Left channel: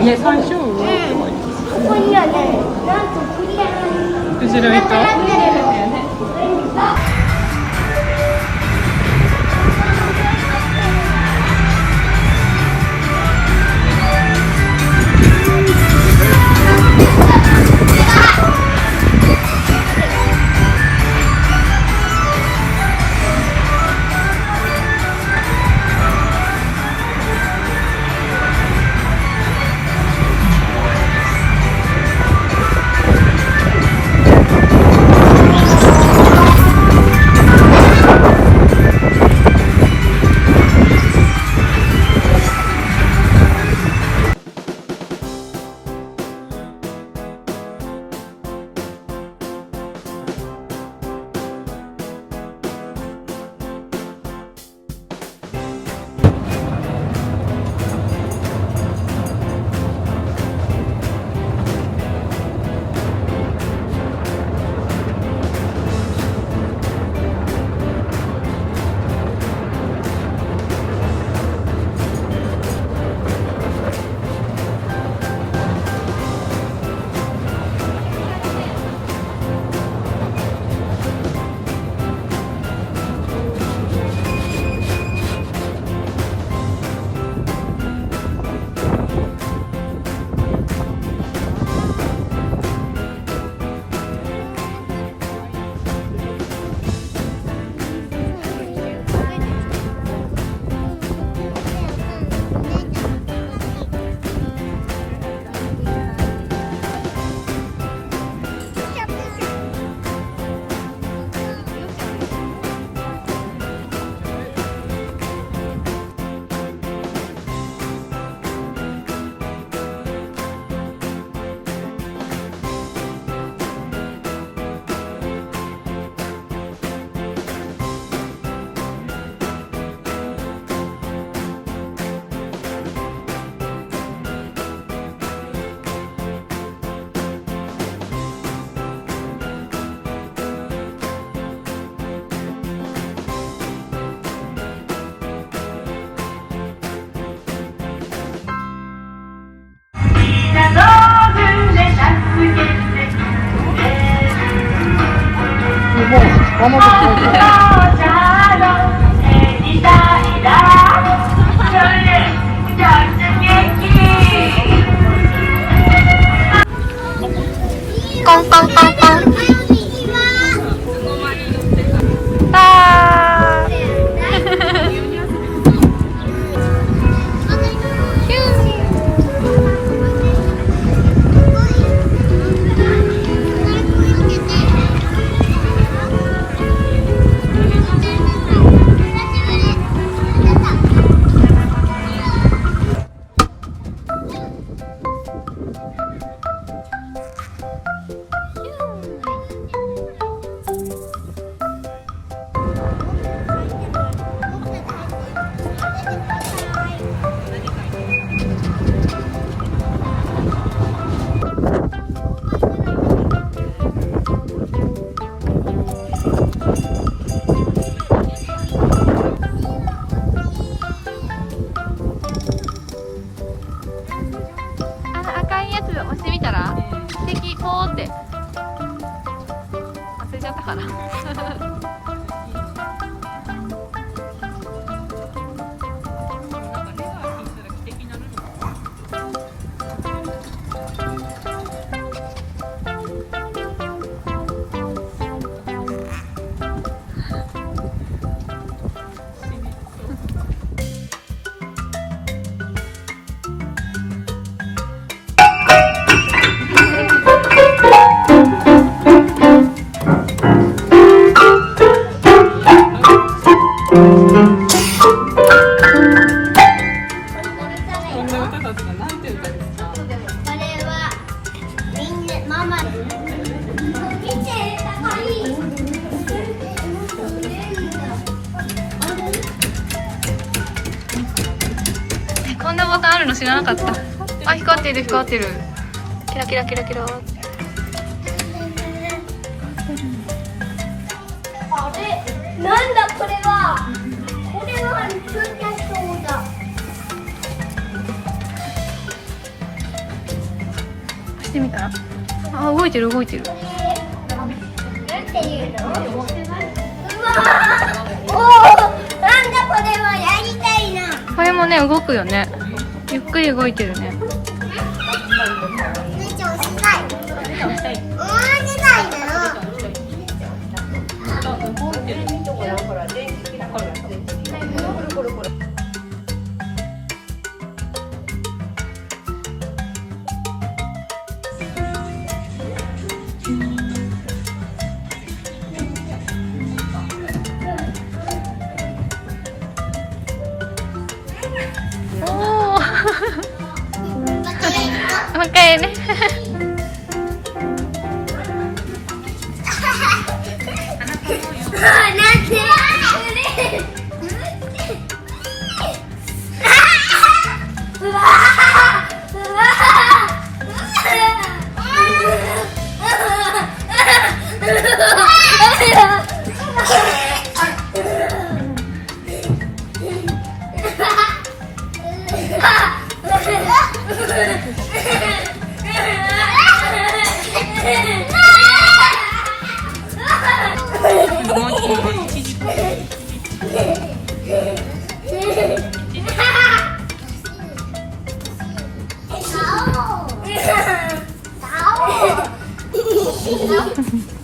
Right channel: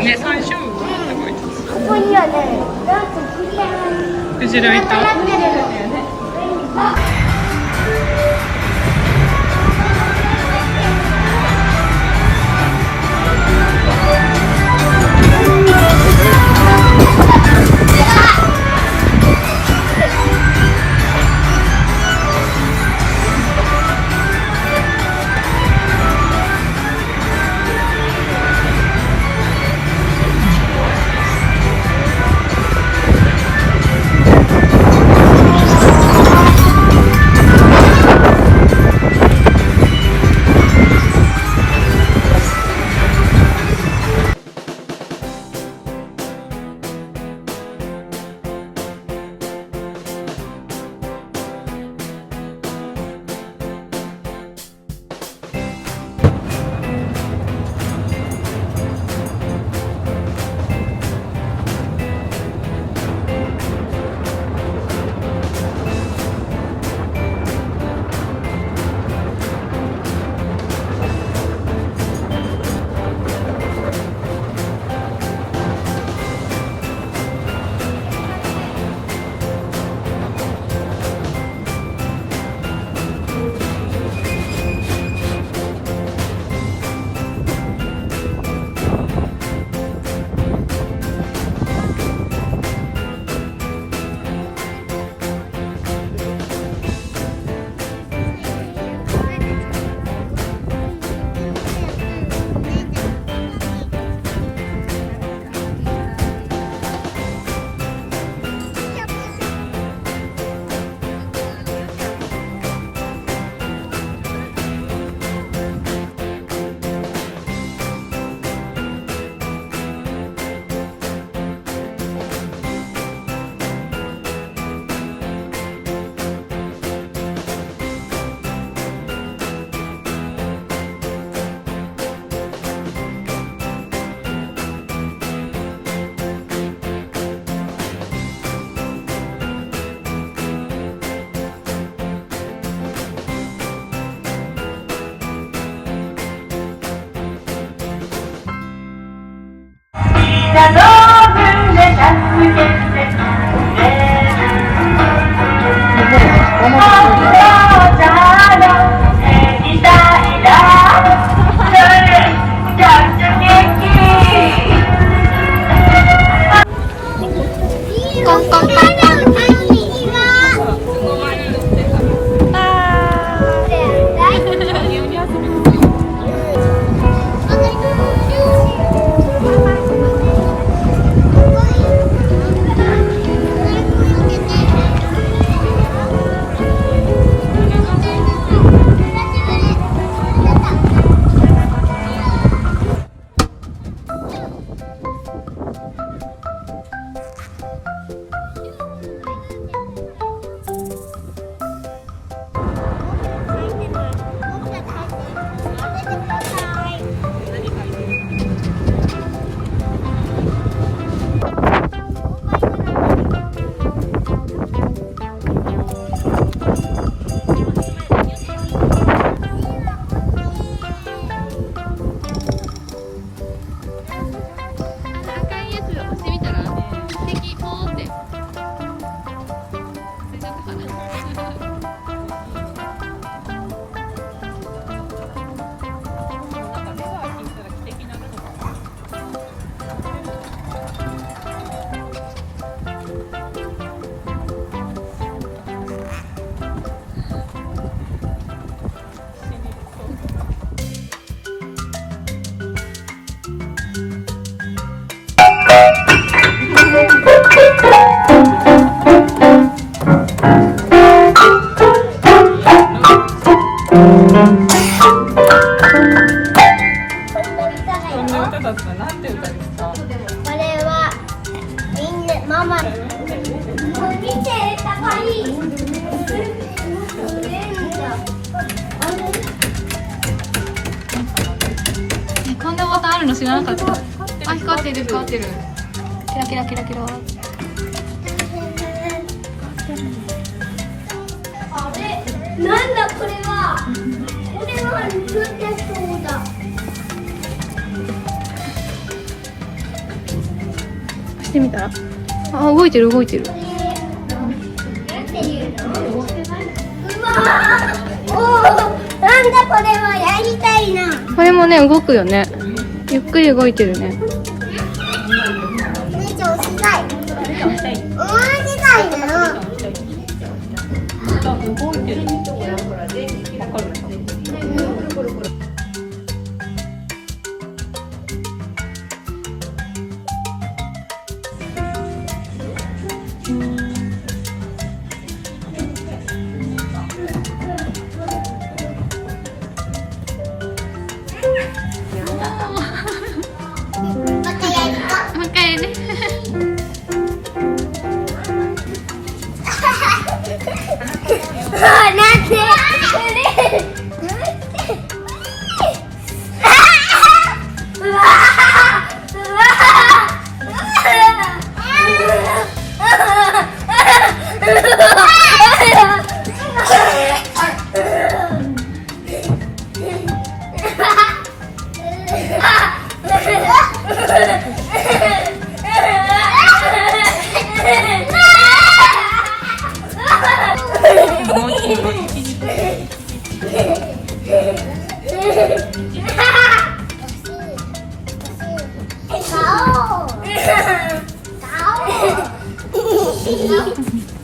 ね、山椒魚って書いてあここにはね、なんとる。クジラいた。なってるの。コンコンコンコン。こんなボタンあるの知らなかった。あ、光ってる光ってる。キラキラキラキラ。なんだこれは。これは空気そうだ。してみたら。あ、動いてる動いてる。なんていうの？おお、なんだこれはやりたいな。これもね、動くよね。ゆっくり動いてるね。めっちゃおしがい。おしがいなの。もう一回ね。なんで？うわうわ顔